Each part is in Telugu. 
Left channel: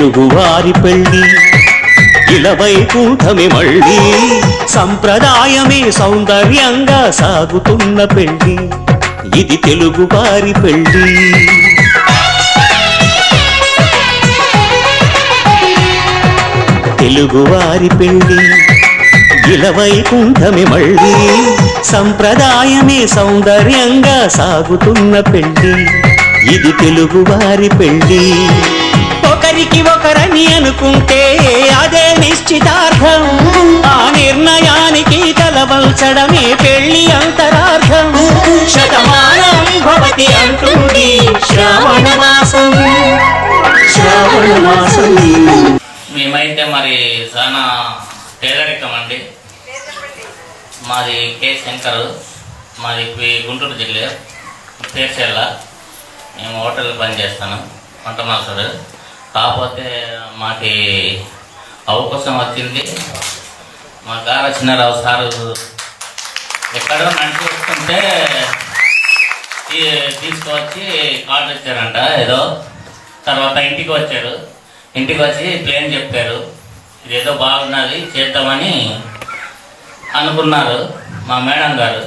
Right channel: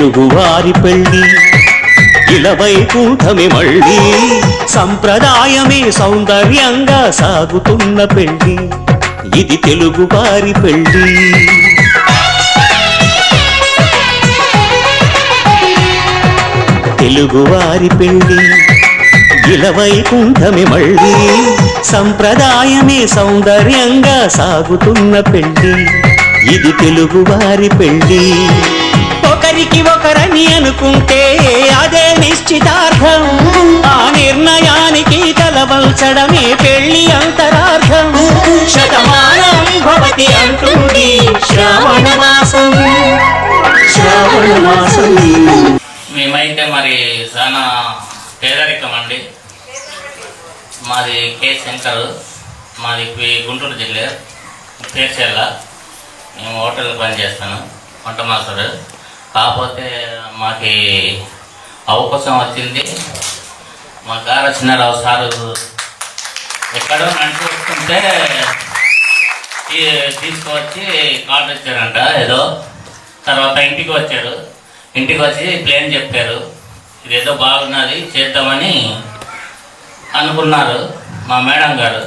తెలుగువారి పెళ్ళి ఇలవైకుంఠమే మళ్ళీ సంప్రదాయమే సౌందర్యంగా సాగుతున్న పెళ్ళి ఇది తెలుగువారి పెళ్ళి తెలుగువారి పెళ్ళి ఇలవైకుంఠమే మళ్ళీ సంప్రదాయమే సౌందర్యంగా సాగుతున్న పెళ్ళి ఇది తెలుగువారి పెళ్ళి ఒకరికి ఒకరని అనుకుంటే అదే నిశ్చితార్థం ఆ నిర్ణయానికి తలవంచడమే పెళ్లి అంతరార్థం శతమానం భవతి అంటుంది శ్రావణ మాసం శ్రావణ మాసం. మేమైతే మరి చాలా పేదరికం అండి. మాది కే శంకర్, మాది గుంటూరు జిల్లా పేర్చేళ్ళ. మేము హోటల్ పనిచేస్తాను, వంట మాస్టర్. కాకపోతే మాకి అవకాశం వచ్చింది. మా గారు చిన్నారావు సారు ఎక్కడో నడిచి వస్తుంటే తీసుకువచ్చి ఆర్డర్ ఇచ్చారంట ఏదో. తర్వాత ఇంటికి వచ్చారు. ఇంటికి వచ్చి ప్లేన్ చెప్పారు, ఇదేదో బాగున్నది చేద్దామని అనుకున్నారు. మా మేడం గారు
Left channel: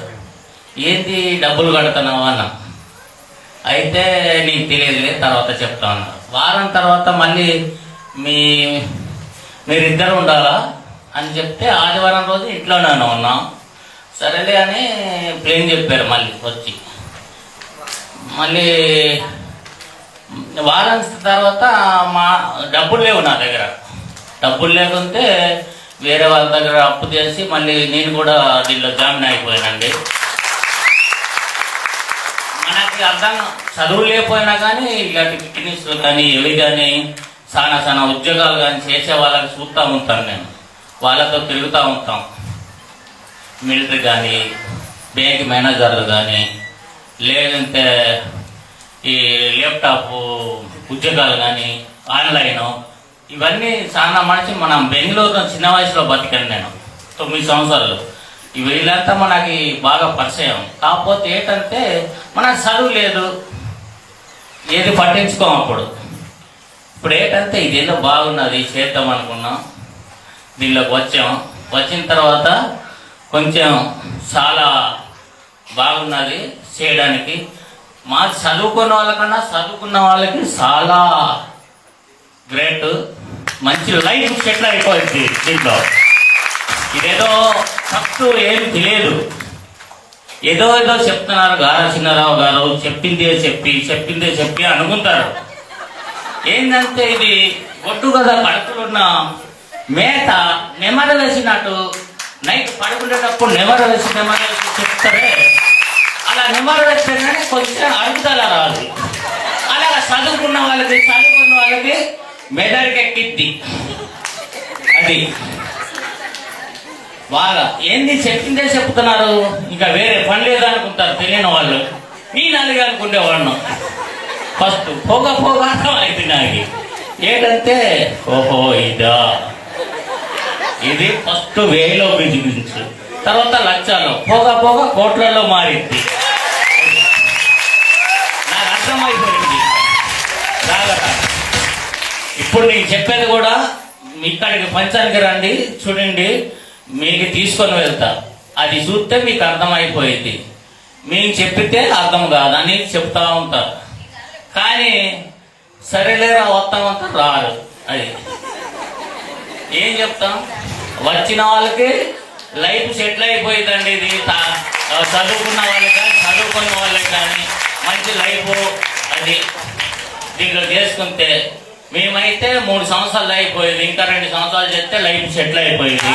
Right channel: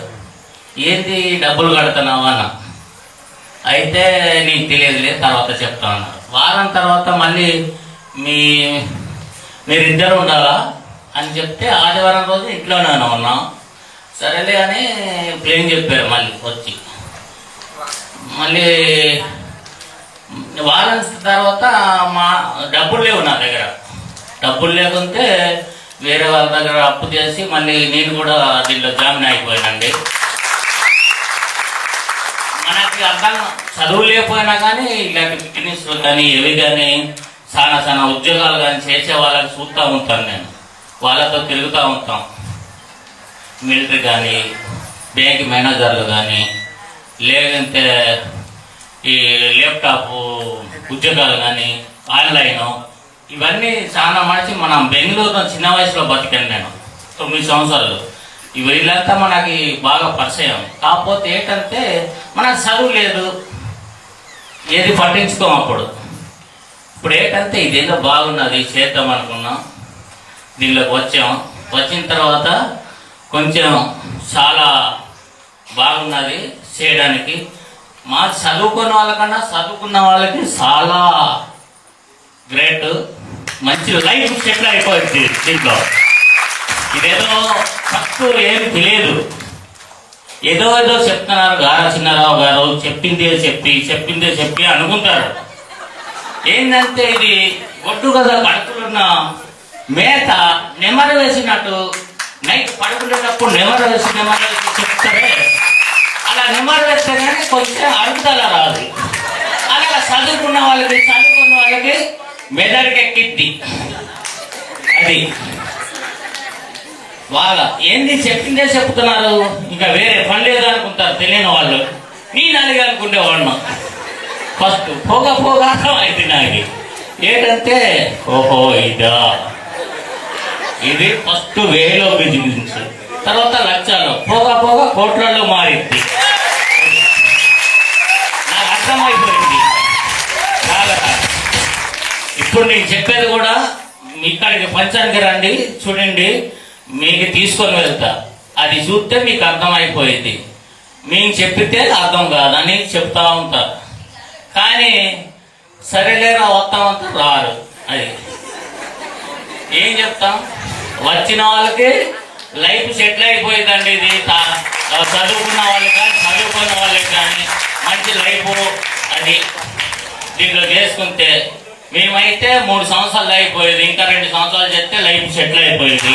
ఏంటి డబ్బులు కడుతున్నావు అన్న. అయితే నీకు తెలియదులే తర్వాత చెప్తా ఉన్నారు. వారం తర్వాత మళ్ళీ మీరిద్దరు ఉండాలా అని చెప్తే ఆదివారం రోజు ఇంట్లోనే ఉన్నాం. సరేలే అని ప్లేన్ చెప్పారు. మళ్ళీ వచ్చి మళ్ళీ వారం తర్వాత మా డబ్బులు లేవు నా దగ్గర. డబ్బులు లేకుంటే వేరే వాళ్ళ దగ్గర అప్పు చేసి మళ్ళీ నేను కూడా దీనిలో జాయిన్ అయిపోయానండి. మనకి అర్థం చదువు లేకపోయినా కానీ ఇలాంటి బిజినెస్ కానీ ఇవి కానీ చాలా ఉద్యోగాలు కానీ చేసే వాళ్ళకి చూస్తూ ఉంటాను నేను. వాళ్ళతో తిరుగుతూ ఉంటాం. మిలిటరీ కానీ బ్యాంక్ మేనేజర్లు కానీ లేదంటే ఈ ల్యాప్టాప్ ఉద్యోగాలు కానీ ఆన్లైన్ ఇవన్నీ చాలా మనిషి. మనం బెంగళూరు చిన్న వయసులో బతికాను నేను, 9 సంవత్సరాలు. వీళ్ళంతా మనకి బాగా పరిచయం. కాకపోతే ఏంటంటే మనకు చదువు లేదు, ఏది పట్టించుకోం అప్పుడు. ఇప్పుడు ఏంటంటే ఇదేదో బాగున్నది చేద్దాం అనుకున్నాం. దీనిలోకి వచ్చాం. వచ్చిన తర్వాత కొంచెం చాలా బాగున్నది చేయడానికి. మా చదువుకున్న వాళ్ళకన్నా చదువుకున్న వాళ్ళకి చాలా గ్రేట్. మంచి లైఫ్ సెటిల్ అయిపోయింది దీంట్లో. ఇదేదో ఫస్ట్ ఏమి తెలియదు, ఏదో చెప్తున్నారు. గారా చిన్నారావు గారు చెప్పిందే చెప్పి అనుకుంటారు. ఏంటంటే ఇది ఒడ్డు కదా పడుకున్న మేత నెమర వేసినట్టు నైట్ పడుకునేటప్పుడు నెమర వేసి చెప్తారే, అలా నెమర వేస్తే కానీ కొంచెం అరుగుదల రాదు. అలా చదువుకున్న వాళ్ళకి మెదడుకి ఎక్కిద్ది. అది బాగా ఏంది చెప్పిందే చెప్తున్నారు, ఇంకా వేరే పని లేదనుకుంటారు తెలియని వాళ్ళు. నేను అలాగే అనుకునేవాడిను ఫస్ట్. పోగా అయితే నాకు ఏంటంటే ఓహో ఇదా, ఇది ఫస్ట్ వేలో బిజినెస్, తర్వాత లక్షలు, పోగా కోట్లలో మారింది. నాకు అర్థమైపోయింది బాగా. ఇప్పుడు నేను చెప్పేది కూడా ఇక్కడికి పంచానికి రండి, చూడండి, మీకు తీసుకొని వెళ్తా. అది చూస్తే మీకు అర్థమైపోయింది. మీకు చెప్పితే అర్థం కాదని చెప్తా ఉంటా. కానీ సరేలేరా వస్తామంతా రారు. అది ఏం చెప్తాం, వచ్చిన వాళ్ళకి లైఫ్ సెటిల్ అయిపోయిందండి. ఇది చదువుకున్న వాళ్ళకి కానీ చదువుకున్న వాళ్ళకి కానీ మంచి లైఫ్ అది దీంట్లో చేసుకుంటే. మేమైతే 3 సంవత్సరాలు అయిపోయేది, ఇంకా 2 సంవత్సరాలు చేస్తే లైఫ్ సెటిల్ అయిపోయేది.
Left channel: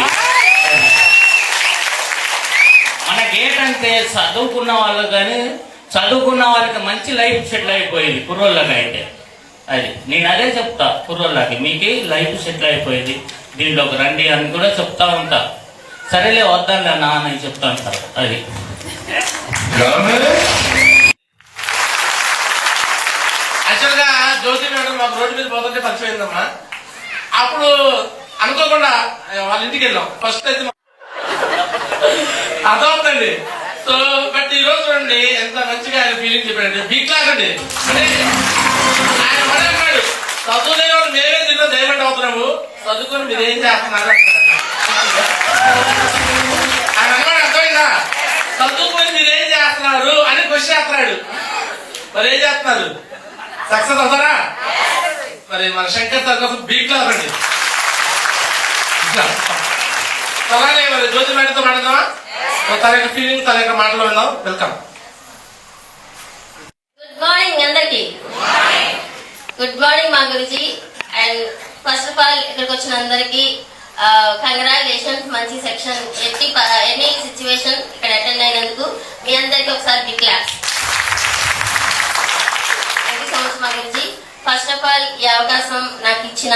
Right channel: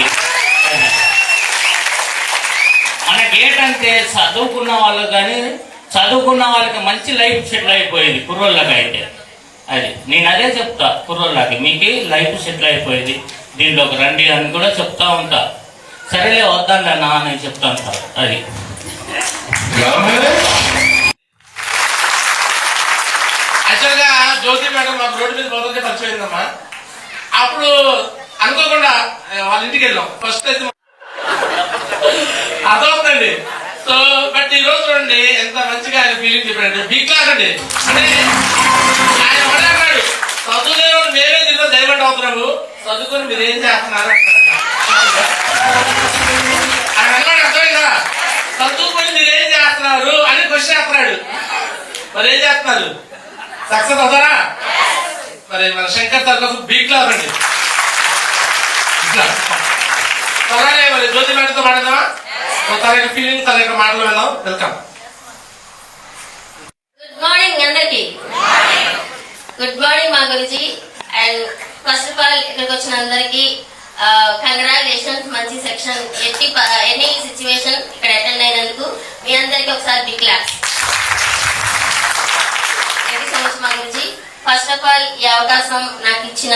మనకేంటంటే చదువుకున్న వాళ్ళకి కానీ చదువుకున్న వాళ్ళకి మంచి లైఫ్ సెటిల్ అయిపోయేది కుర్రోళ్ళకి అయితే. అది నేను అదే చెప్తా కుర్రోళ్ళకి, మీకు లైఫ్ సెటిల్ అయిపోయేది, దీంట్లోకి రండి అని కూడా చెప్తా ఉంటా. సరేలే వద్దండి అన్నా అని చెప్తా ఉంటారు. అది యాక్చువల్గా జ్యోతి మేడం మాకు రోడ్డు మీద పోతుంటే పరిచయం అయిందమ్మా. అప్పుడు అనుకోకుండా వాళ్ళ ఇంటికి వెళ్ళాం. ఫస్ట్ అయితే అర్థమవుతుంది. సో బట్ ఈ రోజు చూడండి ఎంత మంచిగా ఆయన ఫీలింగ్ చెప్పాడు. బీక్లాగండి అంటే ఆయన అన్నాడు, చదువులేవాడు నేనే దీనిలో చదువుకొని మీరు ఏం చేస్తున్నారు ఆయన అన్నాడు అర్థమైందా? చదువుకొని మీరు ఏం చేస్తున్నారు అని క్వశ్చన్ వేస్తున్నాడు. మరి ఏం చేస్తున్నారు? సక్సెస్ అవుతారా? మరి మన శంకర్ సార్ కోసం బీక్ లో రండి. అలాగే మరి జ్యోతి మేడంతో మాట్లాడదామా? తన యొక్క ఫీలింగ్, తన యొక్క మాటలు వెళ్దాం. వెల్కమ్. గుడ్ మార్నింగ్ అందరికి. గుడ్ మార్నింగ్ మా గురుజీ. అండ్ ఫస్ట్ ఆఫ్ ఆల్ ఇక్కడికి వచ్చిన అందరికి కంగ్రాచులేషన్స్. మంచి సెక్షన్ ఎనీ సిచ్యువేషన్ ఇక్కడ అటెండ్ అయినందుకు మీ అందరికి ఒకసారి big claps. Thank you so much మా గురుజీ. ఫస్ట్ ఆఫ్ ఆల్ ఈ అవకాశం నాకు ఇచ్చిన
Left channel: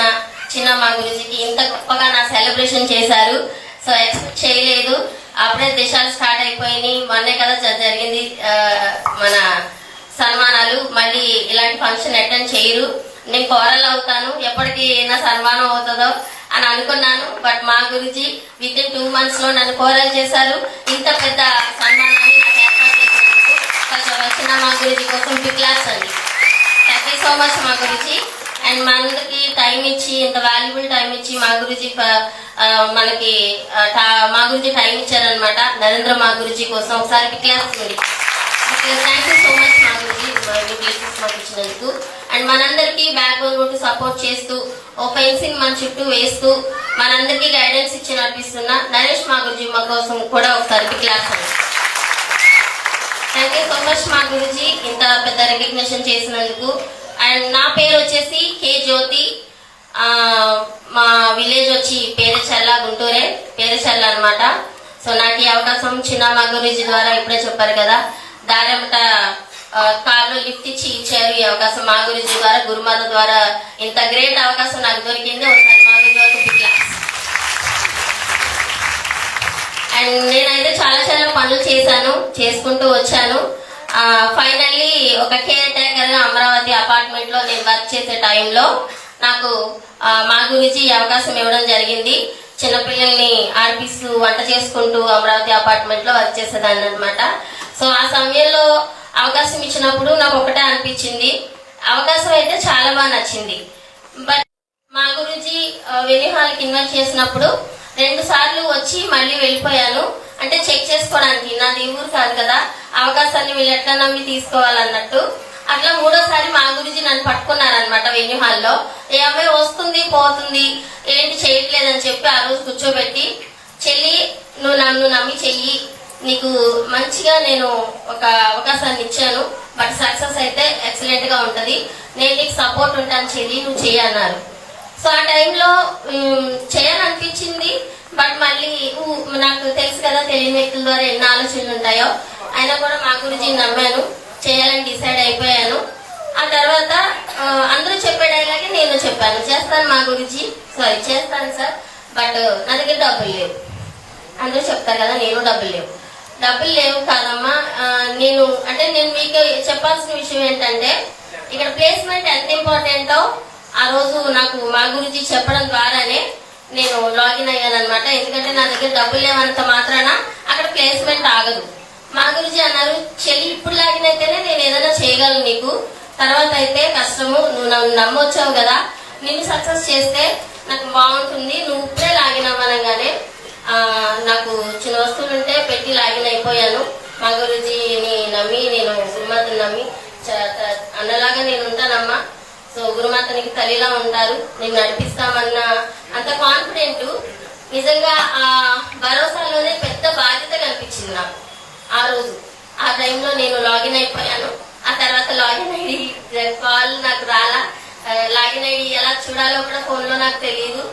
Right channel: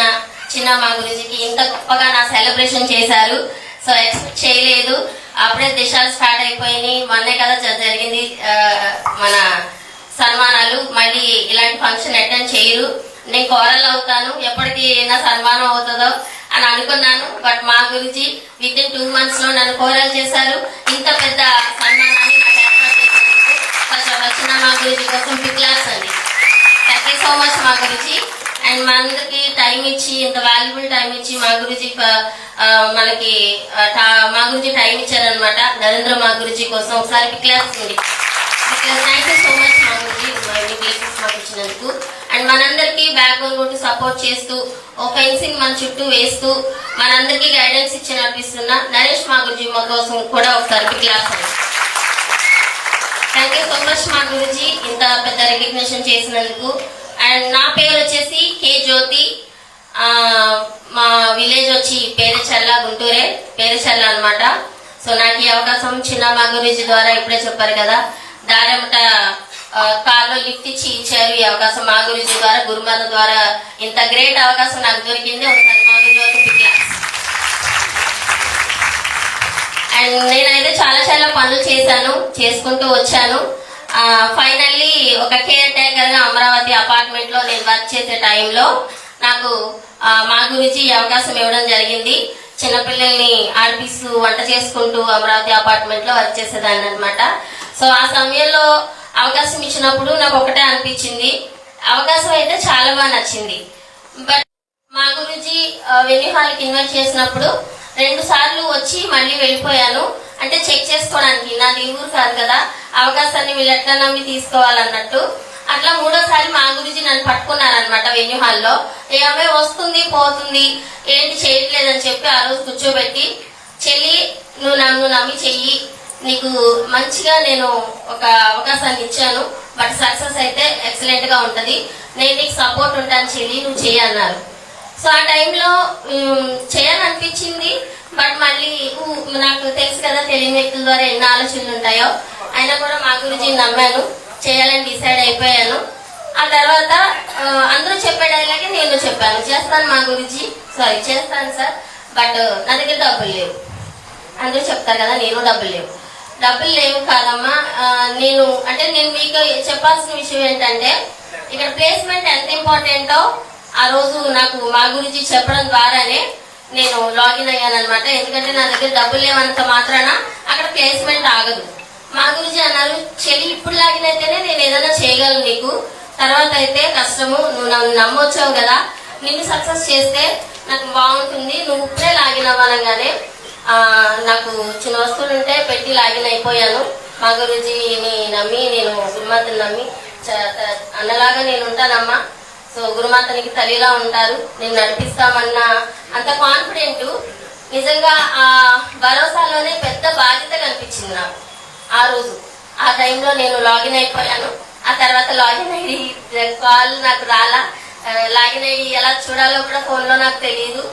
చిన్న మా గురుజీకి ఇంత గొప్పగా నా సెలబ్రేషన్ చేశారు. సో ఎక్స్పెక్ట్ చేయలేదు. అప్పుడే దేశాలు స్టార్ట్ అయిపోయినాయి. మొన్నే కదా జరిగింది మన సన్మానాలు. మళ్ళీ ఇలాంటి ఫంక్షన్ అటెండ్ చేయరు. నేను కోరల్ అవుతాను, ఎప్పటికీ నా సన్మానం అవుతుందో అని అనుకున్నాను. బట్ మా గురించి విత్ ఇన్ 2 months లో నన్ను కోరల్ చేశారు. ఇంత పెద్ద సన్మానాన్ని నాకు ఏర్పాటు చేసినందుకు ఫస్ట్ వచ్చిన మా గురించి కోసం బిగ్ క్లాస్ అండి. థ్యాంక్ యూ సో మచ్ మా గురించి. అండ్ మనందరికి టైం ఇచ్చి, ఇంత వాల్యుబుల్ టైం ఇచ్చి మా గురించి మనకి మా గురించి టైం ఇచ్చారనమాట. నరేంద్ర మా గురించి కోసం ఒకసారి బిగ్ క్లాస్ ఉంది. థ్యాంక్ యూ సో మచ్ మా గురించి మీ ప్లేసెస్ మాకు ఇచ్చినందుకు. అండ్ మనందరికి బ్యాక్గ్రౌండ్ ఉంటూ సపోర్ట్ చేస్తూ ఓ ఫెన్సింగ్ మన చుట్టూ వేస్తూ మనందరికి గైడెన్స్ ఇచ్చి నడిపిస్తున్న నరేష్ మా గురించి మా కోసం కూడా ఒకసారి బిగ్ క్లాస్ అండి. థ్యాంక్ యూ సో మచ్ మా గురించి ఇంత పెద్ద రికగ్నిషన్ చేసినందుకు. అండ్ నా పేరు వచ్చేసి కే జ్యోతి. మా విలేజ్ వచ్చి పేరుచెల్ల, గుంటూరే పేరుచెల్ల అనమాట. సో నాకు ఈ అవకాశం చిన్న మా గురించి ద్వారా ఇప్పుడే చెప్పారు కదా, దారెమట కార్లో లిఫ్ట్ ఇచ్చారు. ఈ అవకాశం మా గురించి ద్వారా, గురుమాత ద్వారా ఇంత గ్రేట్ అవకాశం నాకు దొరికింది. ఒకసారి మా గురించి. అండ్ నేనైతే చాలా పనులు చేశాను, చేసుకుంటూ వచ్చాను. ఫైనల్లీ ఒక కేర్ టేకర్ గా అమరావతి అపార్ట్మెంట్ లో నేను వర్క్ చేసే టైంలో నాకు మా గురించి ఈ అవకాశం ఇవ్వడం జరిగింది. చిన్నపిల్లల్ని ఆడిపిస్తూ వంట చేసుకుంటూ అమరావతి అపార్ట్మెంట్ లో వర్క్ చేసేదాన్ని అనమాట. సో ఆ సమయంలో అవకాశం ఇచ్చినప్పుడు నాకు ఒకటే అనిపించింది, అవకాశం అయితే చాలా బాగా నచ్చింది. బట్ మా గురించి వెన్యూ హాల్కి ఇన్వైట్ చేసినప్పుడు 2 సార్లు వచ్చి మళ్ళీ వెళ్ళిపోయాను. అంటే చెక్ చేసుకోవడానికి, నాది ఊరు కాదు కదా, అవకాశాన్ని వీళ్ళు ఎట్లా నమ్మి తీసుకోవాలన్నట్టు. అట్లా 3వసారి మా గురించి నన్ను పట్టుకున్నారనమాట వెన్యూ హాల్లో. ఏ అమ్మాయి వస్తుంది పోతుంది ఏంటి చేయట్లేదని చెప్పి ఆ రోజు కూర్చోబెట్టి, చెల్లి నువ్వు నన్ను నమ్మి చెయ్యి, నీకు మంచిగా నేను ఒక అవకాశాన్ని ఇచ్చాను, బట్ సక్సెస్ అయితే ఎక్సలెంట్ గా ఉంటది, నేను నీకు సపోర్ట్ ఉంటాను చెల్లి, నువ్వు చెయ్యన్నారు. సో ఆ టైంలో చేయాలనిపించింది. బట్ మళ్ళీ నాకు తెలుసు కదా తెలియమెక్కుల ద్వారా ఎన్ని ఆలోచనలు ఉంటాయో, అయినా కూడా మా గురించి నమ్మాను, చేయాలని డిసైడ్ అయిపోయాను. ఆ తర్వాత అందరూ చెప్పేలాగే నేను చెప్పాను, చేస్తాను మా గురించి, సారీ చేస్తాను సార్, బట్ నా దగ్గర డబ్బులు లేవు. అందరూ చెప్తారు కదా, నేను డబ్బులు లేవు కాదమ్మా. నేను మీకు చెప్పాల్సిన విషయం ఏంటంటే, ఇక్కడ ప్లేస్మెంట్ ఎంత ఇంపార్టెంటో ఆ రోజు నాకు మా గురించి చెప్పడం ద్వారానే నేను లాగిన్ అయ్యాను అనమాట. ఎందుకంటే నా దగ్గర డబ్బులు లేవంత మాత్రాన అక్కడ ప్లేస్మెంట్ ఆగదు. మా గురించి అన్నారు, చెల్లి ఇప్పుడు లాగిన్ అయితేనే నేను ఏదైనా చేయగలను, నీకు తర్వాత అయితే కష్టము, నువ్వు నన్ను నమ్మొచ్చావు కదా, నేను సక్సెస్ చేస్తే నాకు బాగుంటుంది, నువ్వు ఇప్పుడే లాగిన్ అవ్వనగానే నాకు చిన్న వస్తువులు ఉంటే పెట్టి లాగిన్ అయిపోయాను. మా గురుజీని నమ్మి, నేను గురుమాతని నమ్మి అన్నలాగా నేను ఉంటానమ్మా. సో గురుమాతనికి తల్లిలా ఉంటారు, నేను నడిపిస్తామన్న అంత కాన్ఫిడెంట్. నిజంగా ఆ భరోసాలోనే పెద్ద బాధ్యత కనిపించింది నాకు ఆ రోజు. ఆ టైంలో నేను లాగిన్ అయిపోయాను. ఆ తర్వాత లాగిన్ ఐడి కాల్ నాకు రాలా, లాగిన్ ఐడి ఎలా చూడాలో కూడా ఫోన్ లో నాకు తెలియదు.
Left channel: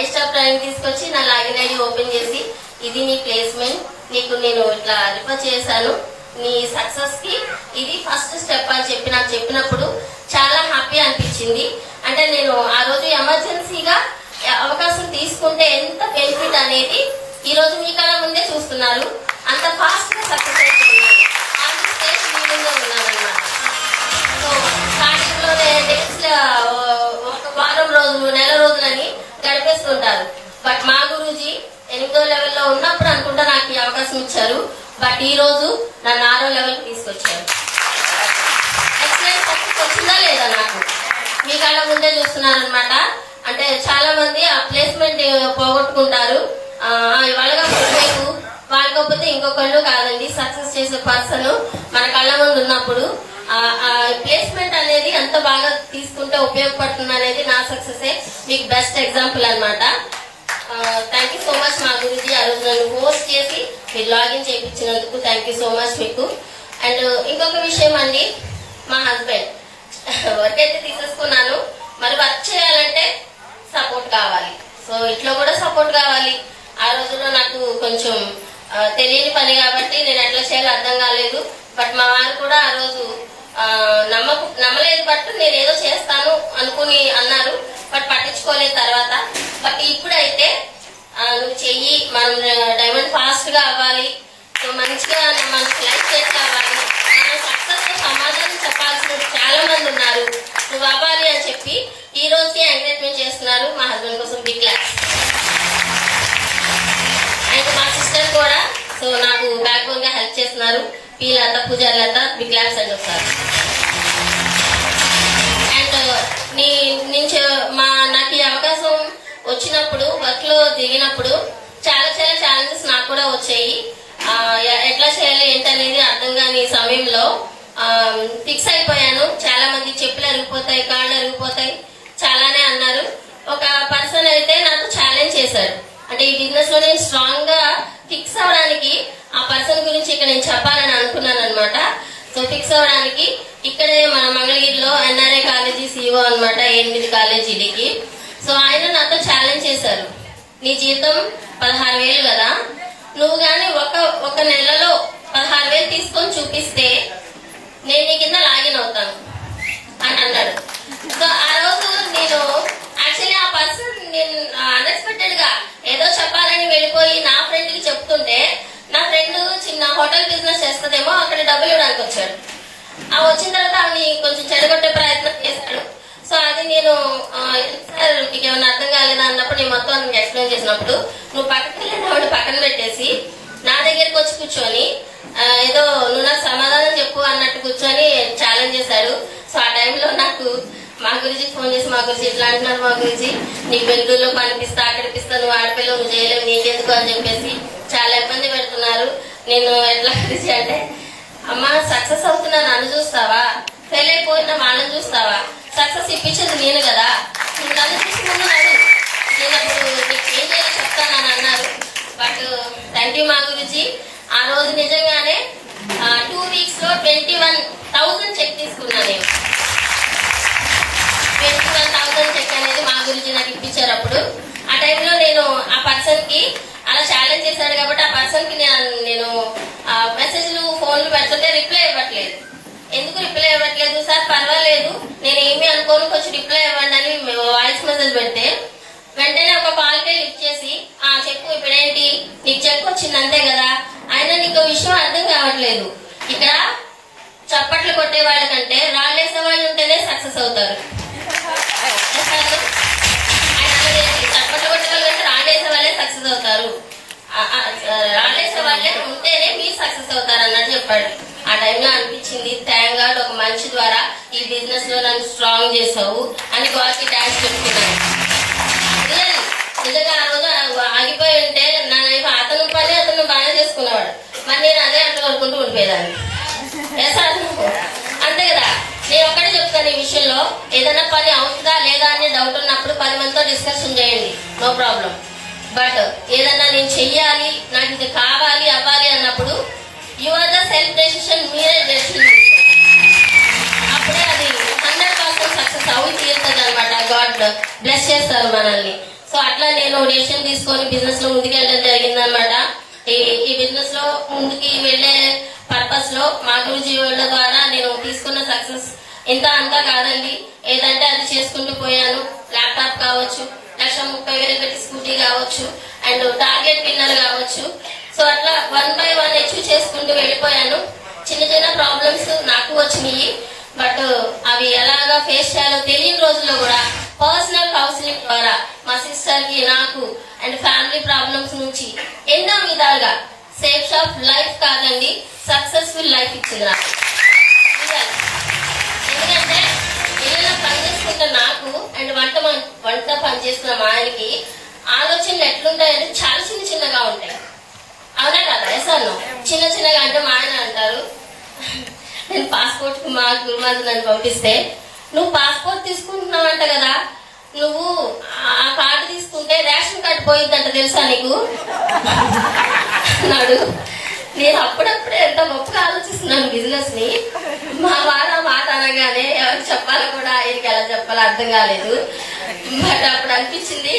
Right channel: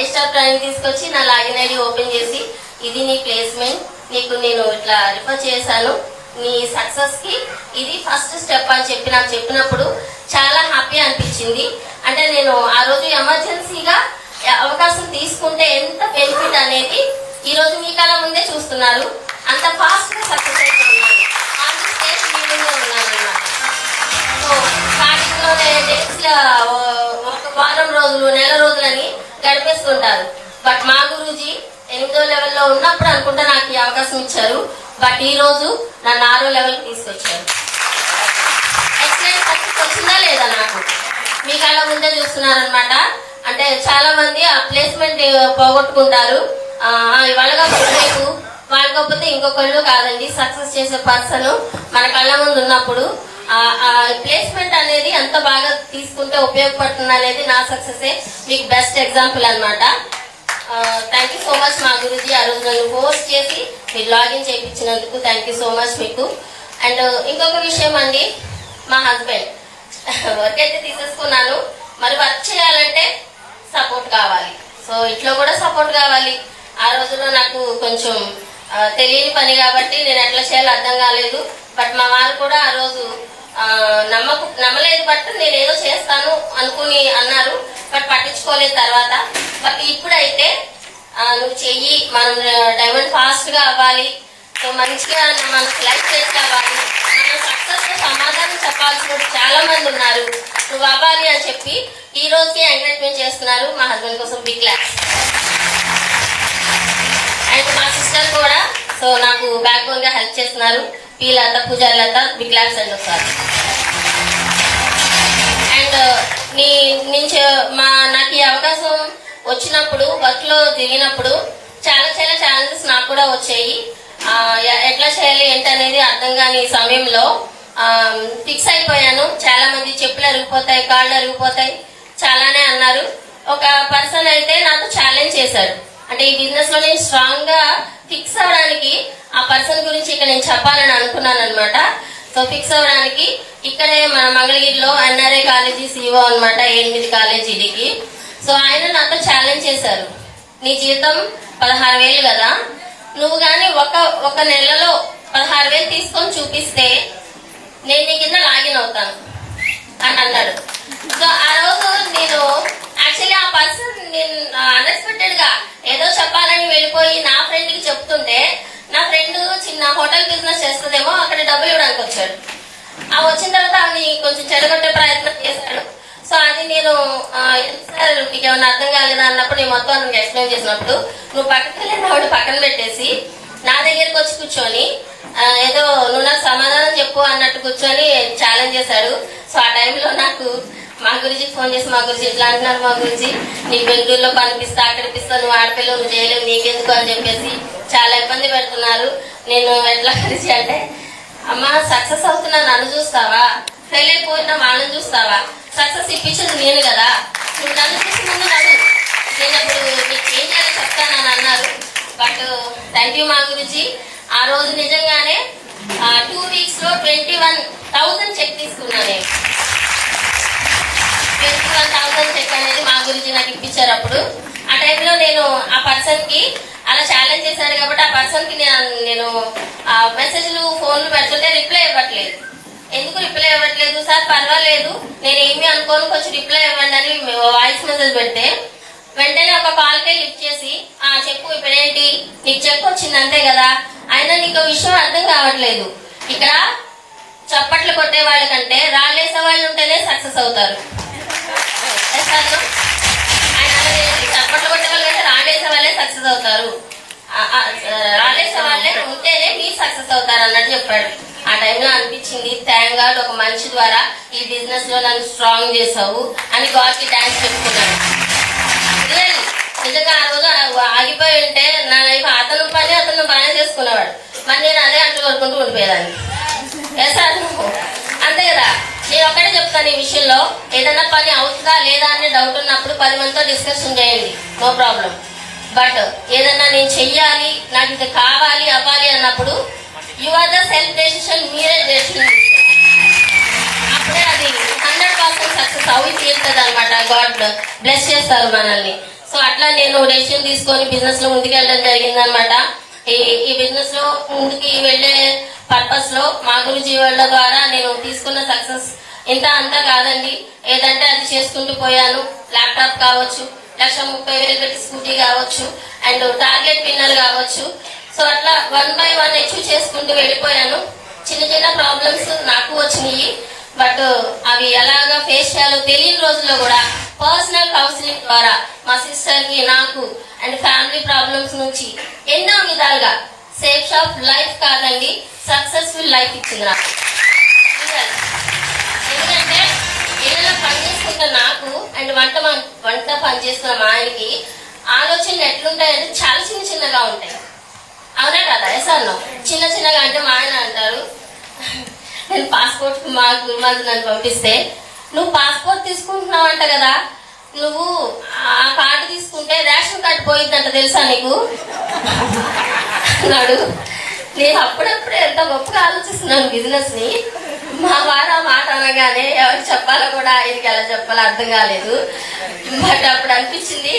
ఎస్టాఫ్ టైం తీసుకొచ్చి నా లాగిన్ ఐడి ఓపెన్ చేసి, ఇది నీ ప్లేస్మెంట్, నీకు నేను ఇట్లా రిఫర్ చేశాను, నీ సక్సెస్ కి ఇది ఫస్ట్ స్టెప్ అని నాకు చెప్పినప్పుడు చాలా హ్యాపీ అనిపించింది. అంటే నేను ఆ రోజు ఎమర్జెన్సీగా అవకాశం తీసుకుంటే ఎంత బెనిఫిట్ అనేది ఈ రోజు మీ కళ ముందే చూస్తున్నారు. అంత ఫాస్ట్ గా సక్సెస్ అయిపోతున్నారు, సో స్టార్టింగ్ లో డేట్స్ ఒక వారం రోజులు, నెల రోజులని గడిపేస్తుంటారు. బట్ మా గురూజీ 8వ లెవెల్లో ఉన్నప్పుడు అనుకుంటా నాకు ఈ అవకాశం ఇచ్చారు. బట్ ఈ రోజు నన్ను 6వ లెవెల్ తీసుకొచ్చారు. ఎక్సలెంట్ సక్సెస్ వచ్చిందా లేదా నాకు మీ కళ్ళ ముందే చూస్తున్నారనమాట. అంటే చాలా మంది ఆ ప్లేస్మెంట్ పోగొట్టుకుంటారు. వాళ్ళగా రేపు వాళ్ళకపోతే ఇంకొకళ్ళు కాదండి, సక్సెస్ చేసే పర్సన్ మన కళ్ళ ముందు ఉన్నప్పుడు ప్లేస్మెంట్ అనేది ఎంత బాగా తీసుకుంటే ఉపయోగపడుతుంది అనేది నా సక్సెస్ మీకు బెస్ట్ ఎగ్జాంపుల్ అన్నమాట. థ్యాంక్ యూ సో మచ్ మా గురుజీ, ఆ రోజు నన్ను హోస్ట్ చేసి మీరు లాగిన్ చేయించినందుకు థ్యాంక్ యూ సో మచ్ మీకు. అండ్ ఇంకొక విషయం అండి, మా హస్బెండ్ వర్క్ అయితే తీసేసుకున్నాను, మరి వర్క్ చేయాలంటే సపోర్ట్ కావాలి. సో ఇంట్లో కూడా సపోర్ట్ కావాలి. ఆ రోజుల్లో నాకు కొంచెం తెలియని పని కాబట్టి నేను ఎట్లా చేయాలో అర్థం కాలేదు. బట్ మా వారు కూడా ఆ రోజు నమ్మలేదు, బట్ నేను ఏదో చేస్తాను అనుకుని అన్నారు, బట్ పట్టించుకోలేదు తర్వాత. బట్ ఇప్పుడైతే నువ్వు చెయ్యి, మనం డైమండ్ ఫాస్ట్ గా అవ్వాలి, సో మంచిగా మనకి లైఫ్ సెట్ అవ్వాలి, మనం సక్సెస్ తో సమాధానం చెప్పాల్సిన చాలా మంది ఉన్నారు, నువ్వు అవ్వాలి అని చెప్పి ఈ రోజుకి ఎంకరేజ్మెంట్ చేస్తున్నారు. మా హస్బెండ్ కోసం బిగ్ క్లాస్. అండ్ మా సిస్టర్ కూడా సో నాకు బ్యాక్ బోన్ గా హెల్ప్ చేస్తున్నారు. పీలత పూజాలత బిగ్ క్లాస్ అండ్ ఒకసారి. అండ్ నాకు ఈ అవకాశం వచ్చినప్పుడు వర్క్ లో దిగినప్పుడు చాలా చాలా ఛాలెంజెస్ నాకు కూడా వచ్చాయి. ఎట్లా చేయాలి ఏంటనేది అర్థం కాని సమయంలో ఫిక్స్ అయిపోయాను. చాలా మంది చెప్పులు అరిగిపోతాయి, కాళ్ళు అరిగిపోతాయి చాలానే అన్నారు. ఒక పర్సన్ అయితే నాకు ఛాలెంజ్ చేశాడు, అంటే ఈ బిజినెస్ లో నేను స్ట్రాంగ్ గా ఫిక్స్ అవడానికి ఆ పర్సన్ గురించి ఇక్కడ నేను చెప్పాలని అనుకున్నాను అనమాట. సో ఫిక్స్ అవడానికి ఇక్కడే మన మంగళగిరిలో ఎన్ఆర్ఐ కాలేజీ సిఓ అనమాట, 8 కాలేజీలకి. సో ఆయన నాతో ఛాలెంజ్ చేశారు, నీ జీతం 16,000 కదా, నువ్వు గాని ఒక నెలలో 16,000 తీసుకొని చూపిస్తే నేను నీ కింద లాగిన్ అవుతాను అని అన్నాడు. సో ఆ రోజు నేను యాక్చువల్లీ ఆ పర్సన్ నేను అన్ఎక్స్పెక్టెడ్ గా ఏదో చెప్పాలని వెళ్ళిపోయి నా ఫ్రెండ్ కి చెప్తుంటే, నా ఫ్రెండ్ చిన్న హోటల్ బిజినెస్ చేస్తుందేమో అక్కడ డబ్బులు ఇవ్వడానికి వచ్చాడు. ఆ వచ్చిన తర్వాత ఆమె కొంచెం చెడగొట్టే ప్రయత్నం చేశాడు. సో అది నేను సార్ నీకు ఏమన్నా అర్థం కాలేదా అన్నప్పుడు నేను మొత్తం ఎక్స్ప్లెయిన్ చేసినప్పుడు, నువ్వు పక్కకి వెళ్ళిన ఆవిడ పక్కన పెట్టేసి నా దగ్గరికి వచ్చి కూర్చొని ఏదో నువ్వు నాకు సమాధానం చెప్పు అన్నట్టు కూర్చొని ఛాలెంజ్ చేశారు. సో ఆ టైంలో నాకు మా గురించి ఫోన్ చేసి, మా గురించి ఇట్లా అంటున్నారు, మా గురించి నీకు బెంగళూరులో పనిపిస్తా అక్కడిపిస్తా, నువ్వు ఆడపిల్లలు నువ్వు చేయలేవు, నీకెందుకు అని చెప్పేసి చాలా ఇబ్బంది పెడుతున్నారు. నేను ఎట్లా కలిసి అంటే, అమ్మా సక్సెస్ అవుతున్నా నన్ను చూస్తావా, ఫెయిల్ అయిపోయినా వాళ్ళని చూస్తావా, సక్సెస్ ఇప్పించింది నేను కదా, నువ్వు నన్ను చూసి ముందు నడు, నేను అప్పుడు నీకు ఏం చేయాలో చెప్తానని అన్నారు. బట్ థ్యాంక్ యూ మా గురించి. ఆ రోజు నిజంగానే 2 weeks లో 21,000 చెక్ తీసుకున్నాను నేను. 21,000 చెక్ అనేది మా గురించి నాకు ఇప్పించారు. అప్పుడు ఆ టైంలో నేను ఆ పర్సన్ కి అలా ఛాలెంజ్ చేశారు కాబట్టి ఆ పర్సన్ కి నేను మెసేజ్లు ఫోన్లు పెడుతుంటే రిప్లై ఇవ్వట్లేదు. ఎందుకు రిప్లై ఇవ్వట్లేదు సార్, పర్వాలేదు నేనేమి అనుకోను కొంచెం రిప్లై ఇవ్వండి అని వాయిస్ మెసేజ్ పెడితే వెంటనే ఒక కాల్ కే లిఫ్ట్ చేసి చెప్పు ఇప్పుడేంటి నీకు చెక్ వచ్చింది అంతే కదా. అయినా నీకు విషయం అర్థం కావట్లేదు, ఇక్కడ చప్పట్లు కొట్టే వాళ్ళకంటే రాళ్ళేసే వాళ్ళు ఉంటేనే సక్సెస్ అవుతారు. చప్పట్లు కొట్టే వాళ్ళకంటే రాళ్ళేసే వాళ్ళే సక్సెస్ అవుతారు, రాళ్ళేసే వాళ్ళే ఉంటేనే మీరు సక్సెస్ అవుతారు అన్నట్టు చెప్పాడు. ఆ టైంలో అనిపించింది థ్యాంక్ గాడ్ ఒక మనిషి ద్వారా ఈ బిజినెస్ లో నన్ను స్ట్రాంగ్ చేసావు అని గాడ్ కి థ్యాంక్స్ చెప్పుకున్నాను. నిజంగా ఆ రోజు ఆగిపోయి ఉంటే నా లైఫ్ అతను పని అతను బాగానే చేసుకునేవాడు, మరి నేను అదే అట్లా వరుకుంటూ ఉండిపోయేదాన్ని. అంతే కదా. నేను ఒక్కడే చెప్తాను ఈ విషయంలో, ఏదైనా పని అవుతుందా లేదా అని డౌట్ ఉన్నప్పుడు 10 మందితో డిస్కషన్ చేయండి, నో ప్రాబ్లం. బట్ ఏదైనా నేను చెయ్యాలి, నాకు ఇది కావాలి అవ్వాలి అన్నప్పుడు you are the self decision, మీరే డెసిషన్ అప్పుడే అది 100% సక్సెస్ అవి తీరుతుంది అనమాట. గాడ్ బ్లెస్ చేస్తారు మనల్ని. సో అట్లా నేను డెసిషన్ తీసుకొని బిజినెస్ లో ముందుకు వెళ్ళడం జరిగిందనమాట. ఈ బిజినెస్ లో ముందుకి వెళ్లే పర్పస్ లో మా గురించి వాళ్ళ ద్వారా నేను తీసుకున్న సక్సెస్ ఇంత అంతా కాదండి, ఏదంటే అది చేసుకుంటూ పోయాను. ల్యాప్టాప్ కావచ్చు, 1,30,000 పెట్టి స్కూటీ కావచ్చు, అండ్ టార్గెట్ విన్నర్ కావచ్చు. సో అట్లా 1 by 1 అచీవ్ చేసుకుంటూ వెళ్ళిపోయాను. చిన్న చిన్న ప్రాబ్లమ్స్ నాకు వచ్చినాయి, బట్ అవి ఎలాగా ఫేస్ చేయాలో తెలియని రోజుల్లో కూడా పర్సనల్ కౌన్సిలింగ్ ద్వారా మా సిస్టర్ కి నాకు అండ్ ఫ్యామిలీ ప్రాబ్లమ్స్ నుంచి ఎన్నో విధాలుగా సేఫ్ షాప్ లైఫ్ కాదండి సక్సెస్ఫుల్ లైఫ్ ఇచ్చింది నాకు. ఎందుకంటే ఇళ్ళలో పని చేసుకుంటే నాకు అండ్ వంట పని చేసుకున్న మా ఆయనకి ఆలోచనలు ఎట్లుంటాయంటే చాలా చిన్న చిన్నగా ఉంటాయి. అవునా కదా? సార్ చిన్న చిన్నగా అంటే మా ఆయన అంటారు, నేను పాస్పోర్ట్ మాకు నన్ను పంపిస్తే నువ్వు పాస్పోర్ట్ తీసుకుంటున్నావంట కదా, నువ్వు ఆ కార్డు తీసుకుంటే రేషన్ కార్డు పోయిద్దంట తెలుసా నీకు అన్నాడు. నేను అప్పుడప్పుడే ఎంత గొప్పగా ఆలోచిస్తున్నాను బిజినెస్ ని. మా వారు ఆ మాట అనగానే ఎవరికి చెప్పాలో కూడా ఆయనకి ఎలా చెప్పాలో అర్థం కాలేదు. బట్ అప్పుడు అనిపించింది,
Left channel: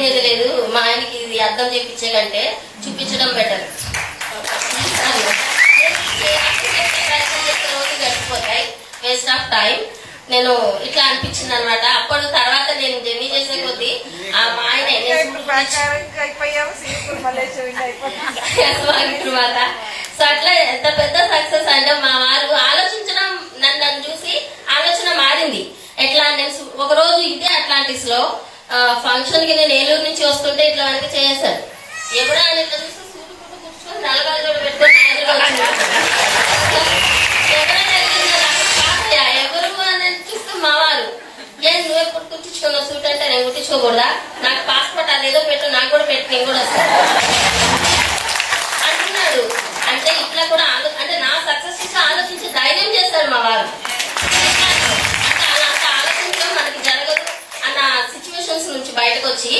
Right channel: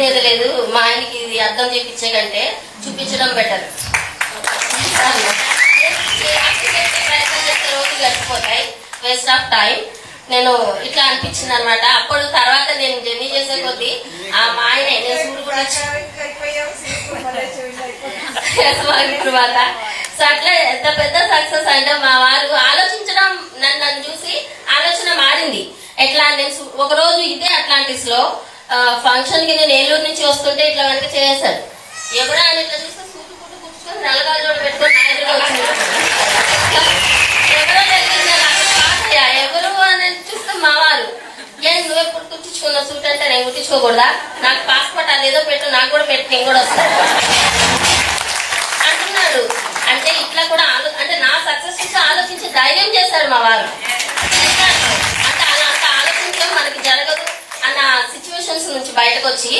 లేదు లేదు మా ఆయనకి ఇది అర్థం చేయించే కంటే చూపించడం బెటర్. రోజు గడిచిపోతాయి, వేస్ట్ ఆఫ్ టైం. నేను ఇట్లా అనిపించింది అనమాట. అప్పుడు తర్వాత నేను జర్నీ చేసే కొద్దీ ఆ మా ఆయన తర్వాత సో అట్లా ఎంత పెద్ద సక్సెస్ అంటే మా వారు ఆలోచించడం నన్ను చూసి ఆలోచన మారింది. ఎట్లా అంటే ఒక రోజు ఇదే అట్లాంటిస్ లో ఫంక్షన్ కి నేను ఏలూరు నుంచి వస్తుంటే ఇట్లా వరకు చేశారు. ఎవరు ఆయన ఇట్లా చూస్తే సూటు పుట్టు కూర్చుకొని నల్లగాజులు పెట్టుకొని ఎవరు అని చూస్తే మా వారు, నేను నువ్వు ఎప్పుడు కుట్టించుకున్న సూట్ అంటే నేను కుట్టించుకోకూడదా, నాకు పాస్పోర్ట్ అదేదో పెట్టు, నాకు కూడా పెట్టి నేను కూడా వస్తాను అంటున్నాడు. అంటే ఇట్లా కూడా అంటే నా సక్సెస్ ఇట్లా ఆలోచించి ధైర్యం చేశారు మా వారు. అంటే అలా అంత ఆలోచించడం మనకి జరగదు అన్న సిచ్యువేషన్స్ నుంచి బయటకు వచ్చి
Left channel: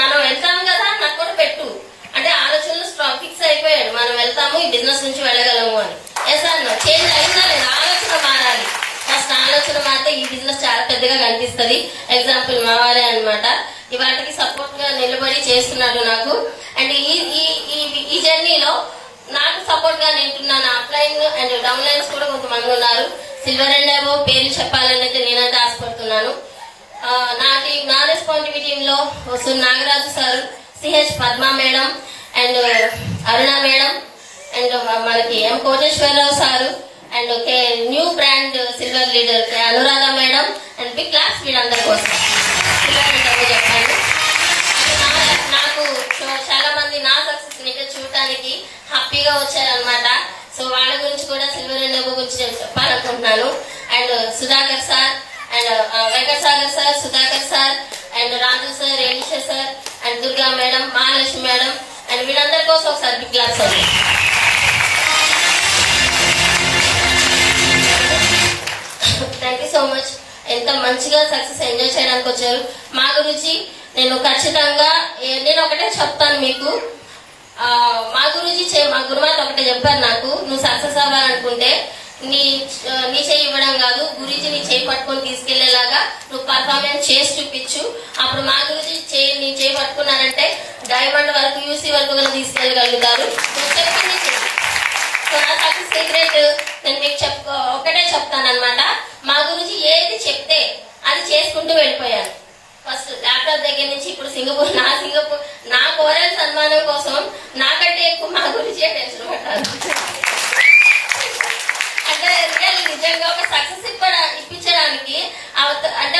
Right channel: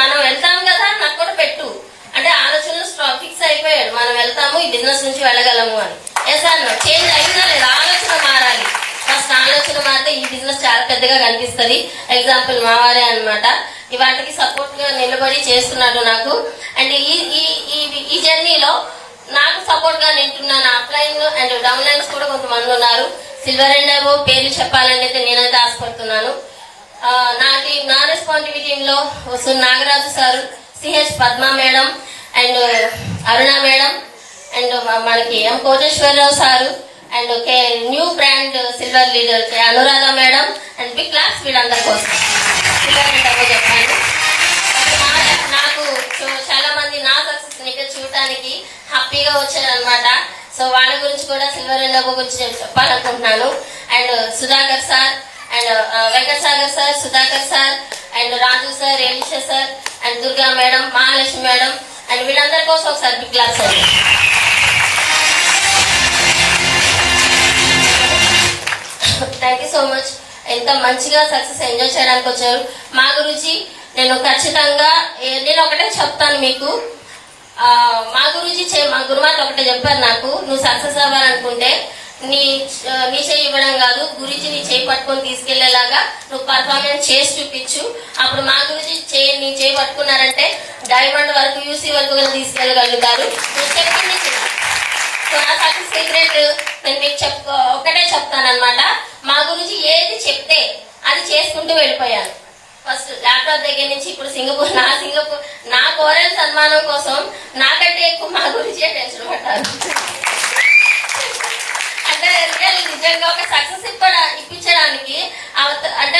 మనం వెళ్తాం కదా నాకు కూడా పెట్టు అంటే ఆలోచనలు ఫిక్స్ అయిపోయాడు. మనం వెళ్తాము, ఈ బిజినెస్ నుంచి వెళ్ళగలము అని. ఎస్ అన్న చేంజ్ అయిందా లేదా? ఆలోచన మారాలి. ఫస్ట్ ఆలోచన మారితే ఈ బిజినెస్ చాలా పెద్దగా కనిపిస్తుంది. ఎగ్జాంపుల్ మా వారే అనమాట. వాటికి సపోర్ట్ గా నిలబడి చేస్తున్నాడు నాకు. అండ్ ఈ జర్నీలో నాకు సపోర్ట్ గా నింటున్నాను. అప్లైన్ అండ్ డౌన్ లైన్స్ కూడా కొంతమంది ఉన్నారు. సిల్వర్ అండ్ అబో పేర్లు చెప్పాలని అయితే నేనైతే ఆశపడుతున్నాను. నా రెస్పాన్సిబిలిటీ లో వస్తున్న Nagaraju sir, CH Padma madam and Aruna madam and మనకి M Koteswararao sir and new brand silver leader Anuradha madam and big class వీళ్ళందరి కోసం చెప్పాను. నాకు చాలా మంది నా సక్సెస్ ని చూడటానికి హ్యాపీగా వచ్చారనమాట. సో వాళ్ళ గురించి కూడా సిల్వర్ అండ్ అబో గురించి చెప్పాలనుకుంటున్నాను. And Sudhakar sir and Venkatasagar sir, Sudhakar sir and Raju sir, Elisha sir and Durga madam, Mahalakshmi madam and వీళ్ళందరి కోసం ఒకసారి big class sir. Thank you so much. ఎంత మంచిగా సక్సెస్ ఎంజాయ్ చేయడానికి వచ్చారు. మా గురించి నేను ఖచ్చితంగా నేను ఒకటే చెప్తాను మీకు. మా గురించి మా గురుమాత ఒకటే చెప్పారు నాకు, నువ్వు సక్సెస్ అవ్వాలనుకుంటే నీ చేయి ఇవ్వడం కాదు, గురించి నీ చేయి పట్టుకొని తీసుకెళ్లేలాగా నువ్వు పర్ఫార్మెన్స్ చేసి చూపించు. అప్పుడు మా గురించి నీ చేయి పట్టుకున్నారంటే డైమండ్ వరకు, యూసీ వరకు కూడా తీసుకెళ్లగలుగుతారు. సో నా సక్సెస్ సీక్రెట్ నేను మీకు ఒకటే చెప్తానమాట. మా గురించి ఏది చెప్తే అది చేసుకుంటూ వెళ్ళిపోయాను. ఫస్ట్ ల్యాప్టాప్ దగ్గర నుంచి ఇప్పుడు సింగపూర్ నా కోరల్ సన్మానం కోసం నాకంటే ఎక్కువ మా గురించే టెన్షన్ పడ్డాను. అంటే నిజంగా ఒక సక్సెస్ ఇప్పించడానికి అంటే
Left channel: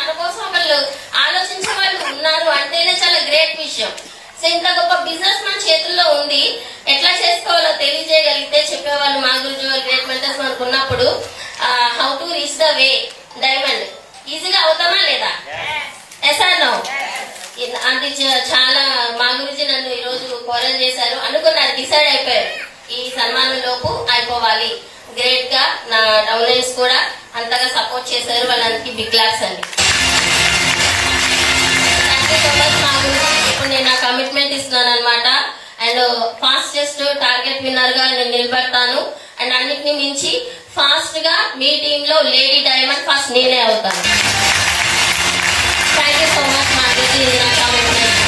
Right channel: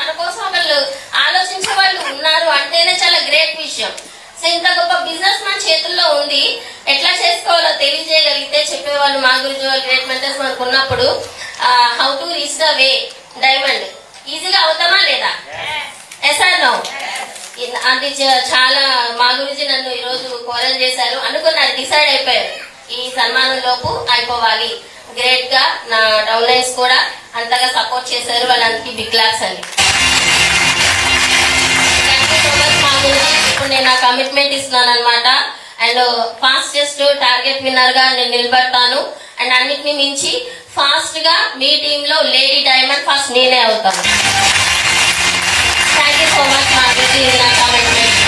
మన కోసం వాళ్ళు ఆలోచించే వాళ్ళు ఉన్నారు అంటేనే చాలా గ్రేట్ విషయం. సో ఇంత గొప్ప బిజినెస్ మన చేతుల్లో ఉంది, ఎట్లా చేసుకోవాలో తెలియజేయగలిగితే చెప్పేవాళ్ళు మా గురించి వాళ్ళు గ్రేట్ మెంటర్స్ మనకు ఉన్నప్పుడు how to reach the way diamond ఈజీగా అవుతామా లేదా? Yes or no? అది చాలా మా గురించి నన్ను ఈ రోజు కోరల్ చేశారు. అనుకున్నాను, డిసైడ్ అయిపోయారు ఈ సన్మానం లోపు అయిపోవాలి. గ్రేట్ గా నా డౌన్ లైన్స్ కూడా అంతగా సపోర్ట్ చేశారు. వాళ్ళందరికీ బిగ్ క్లాస్ అండి. మా గురించి ఇప్పుడు నేను నా కమిట్మెంట్ ఇస్తున్నాను అనమాట. అండ్ ఫాస్టెస్ట్ టార్గెట్ విన్నర్ గా నేను నిలబడతాను. అండ్ అన్నిటిని మించి ఫాస్ట్ గా మీ టీమ్ లో లేడీ డైమండ్ ఫస్ట్ నేనే అవుతాను. Thank you so much. మా గురించి నా కమిట్మెంట్.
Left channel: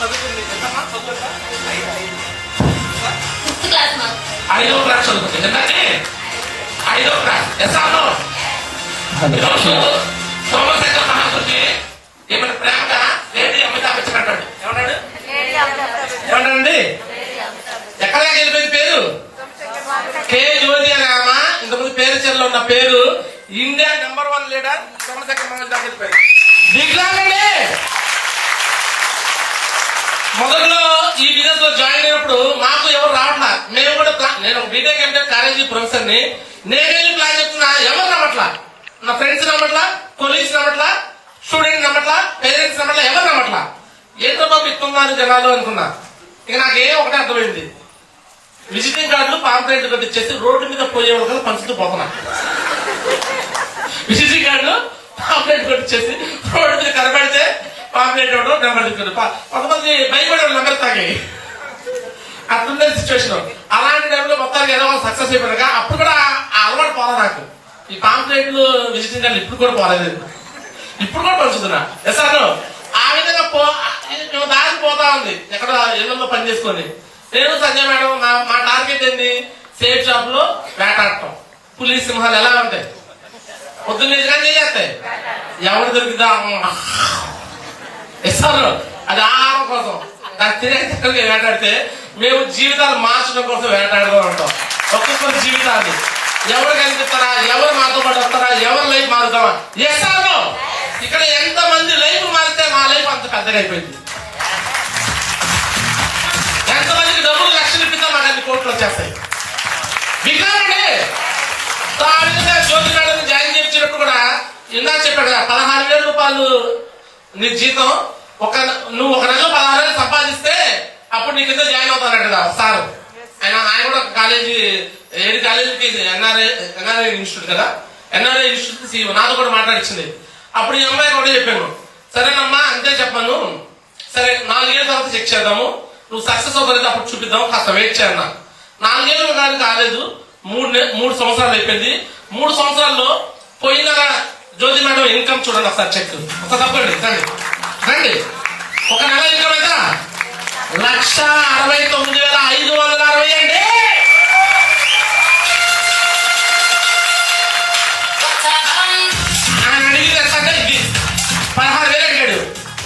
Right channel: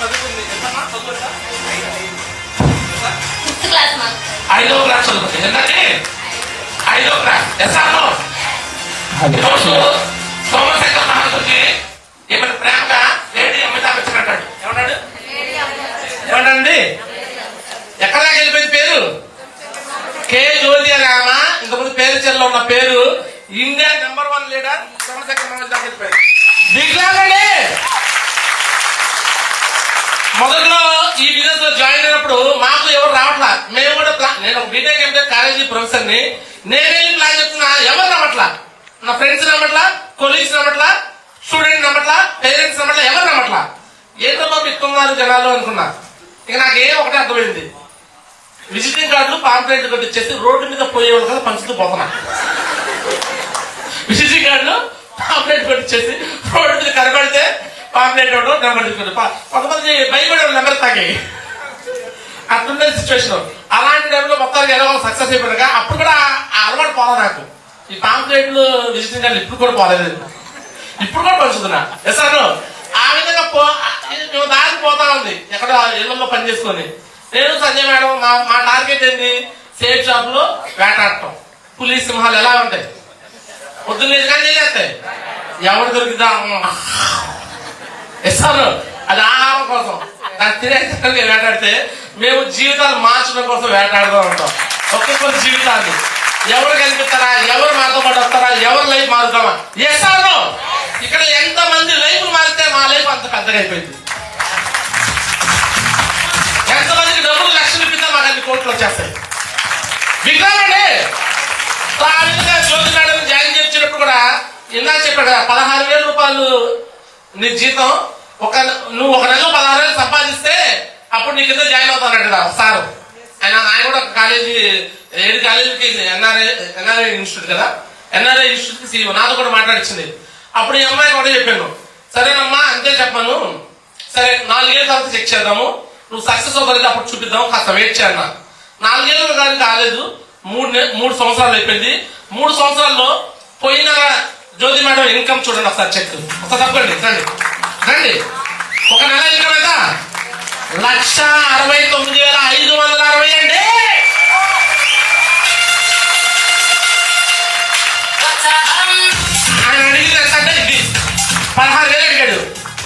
చదువుకుంది ఫిఫ్త్ క్లాస్ మా 5వ క్లాస్ చదువుతుంది. 5వ క్లాస్. ఎస్ఆర్లో సోమశేఖర మహాశుకి ఏమైనా ప్రేమగా లేడీ అమితాబ్ బచ్చన్ అంటాడు. ఏమన్నాడు? ఏమన్నాడండి? ఎక్కడ దాకా వెళ్ళిపోయింది పేరు? కే జ్యోతి అని ఆమె ఇంతకుముందు పేరు చెల్లో ఉన్న పేరు ఇండియా #1 లీడర్ సోమశేఖర మహాశు దాకా వెళ్ళిపోయింది. దిగ్గులండి. మొదట్లో ఈ బిజినెస్ లో జాయిన్ అయినప్పుడు మాకు ఎవరు రావట్లా. మేము కూడా నేను ఫ్రెండ్స్ నమ్మట్లా, కొలీగ్స్ నమ్మట్లా, స్టూడెంట్ నమ్మట్లా, పేరెంట్స్ నమ్మట్లా, ఎవరు నమ్మట్లా. ఏంటో బాబు ఇస్తున్నారు జనాలు అనుకున్నా. ఇక నాకేం ఒకటే అర్థమైంది, విజిటింగ్ కార్డులు పాంప్లెట్ కొట్టించేసి రోడ్డు మీద పోయేవాళ్ళు కదా పంచుతూ పోతున్నా. విజిటింగ్ కార్డులు పాంప్లెట్ కొట్టించేసి రోడ్డు మీద కనబడితే పాంప్లెట్ ఇవ్వడం, నెంబర్ తీసుకోవడం. కొంతమంది భయపడే నెంబర్ తాగాయి. అట్లుండే సిచ్యువేషన్. అలాంటి టైంలో మొత్తానికి ఎలా సక్సెస్ అయిపోయాక అప్పుడు కూడా ఆ అలవాటు పోదా నాకు. ఈ పాంప్లెట్లు విజిటింగ్ కార్డులు ఇప్పుడు కూడా పోలేదు, ఇప్పుడు కూడా పంచుతున్నా. సార్ ఆ విధంగా దారి పోతా ఉంది ఎక్కడ ఇళ్లలో పని చేసుకొని. నేను సంజయ్ మేడం మా టార్గెట్ ఏంటి, సేఫ్ షాప్ లో వేటాడటం. పులి సింహాలు ఎలా ఉంటాయి, పొద్దున్న చేస్తాయి, ఎవరు దొరికిదా ఇస్తారు. అది ఆహారం కోసం, దాన్ని తినే వేటాడితే మేము జీవితాలు మార్చడం కోసం వేటాడుతూ ఉంటాం. ఒక్కొక్కరి జీవితాన్ని ఎవరు కనిపిస్తారా, ఎవరు మాతో పాటు వస్తారా, ఎవరు లైఫ్ మారుతామా. ఎస్ఆర్ ఇక్కడ ఎంత మంది లైఫ్ మారితే మా లైఫ్ అంత పెద్దగా అయిపోయింది. ఎంతమందికి డబ్బులు లక్షలు ఇప్పితే మాకు అన్ని కోట్లు వచ్చేస్తాయి. విగ్రహండి జ్యోతి మేడం జాయిన్ చేసినప్పుడు కూడా ఇలా చెప్పాడు, 16,000 రూపాయలు నీ జీతం, నువ్వు ఒక నెల 16,000 సంపాదిస్తే అప్పుడు నీ కింద జాయిన్ అవుతాడు కదా సార్. ఆయన కూడా కాలేజీ, ఏది కాలేజీకి ఎన్ఆర్ఐ ఇన్స్టిట్యూట్ కదా, ఎన్ఆర్ఐ ఇన్స్టిట్యూట్ సీఈఓ నాతో కూడా మాట్లాడించింది. అప్పుడు ఈ అమ్మాయి కూడా చెప్పాను, సరేనమ్మా అంతే చెప్పాను, సరే 4 ఏళ్ళ తర్వాత చెక్ చేద్దాము, నువ్వు సక్సెస్ అవ్వలేదు అప్పుడు చూపిద్దాం, కాస్త వెయిట్ చేయన్నా. 4 ఏళ్ళు కానీ కాలేదు, 3 సంవత్సరాలు అయిపోయింది. 3 సంవత్సరాల్లో పోయిన జ్యోతి మేడం ఇన్కమ్ చూడండి ఒకసారి చెక్, ఒకసారి తప్పండి రండి. ఒక నెల ఇన్కమ్ అయితే 1,69,560 అండి. ఆయన అడిగితే 16,000 అడిగాడు,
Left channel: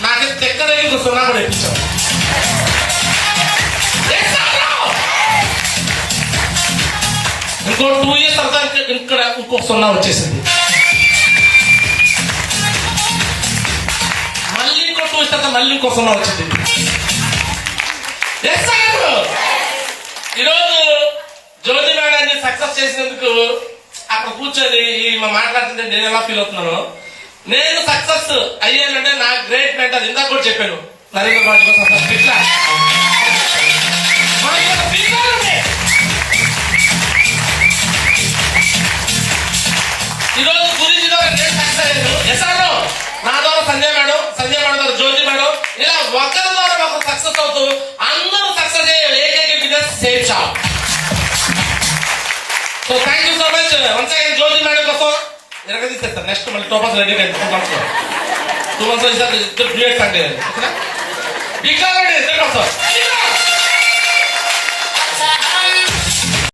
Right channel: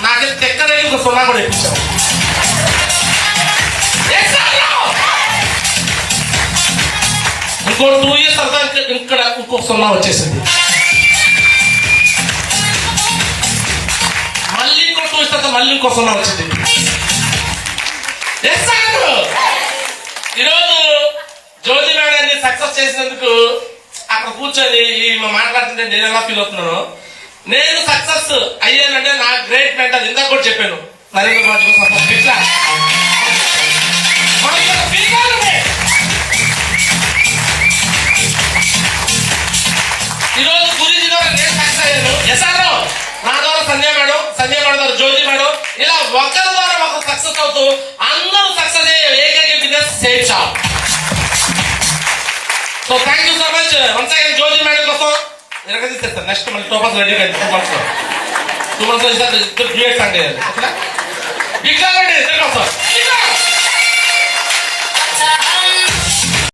నాకు తెక్కలేదు, ఇంకో 0 కూడా ఇప్పించాం. ఇంకో 2 years తర్వాత ఇక్కడ ఇంకో 0 వచ్చేసింది. మళ్ళీ ఇంకో 2 years తర్వాత మళ్ళీ ఇంకో 0 వచ్చింది. ఈరోజు జ్యోతి మేడాన్ని సక్సెస్ చేసినందుకు అక్కడ కూర్చొని మాట్లాడుతుంటే నేను ఎలా ఫీల్ అవుతున్నాను. నేను సక్సెస్ అయ్యానంటే నా గ్రేట్ మెంటర్, ఇందాక కూడా చెప్పాను, నరేంద్ర మోడీ కోసం ఇట్లా ఈరోజు గురించి నేను సక్సెస్ అయ్యాను. ఎస్ఆర్ నా ద్వారా సంజయ్ మేడం ద్వారా జ్యోతి మేడం, ఇలా ఒకరి ద్వారా ఒకరు సక్సెస్ అవుతూ అందరూ సక్సెస్ అయ్యే ఏకైక business Safe Shop. So thank you so much once again Jyothi madam కోసం. సార్ నెక్స్ట్ మళ్ళీ 2 months రెడీ అయింది. 2 months ఇద్దరు డ్యూయట్ అండి. ఇక్కడ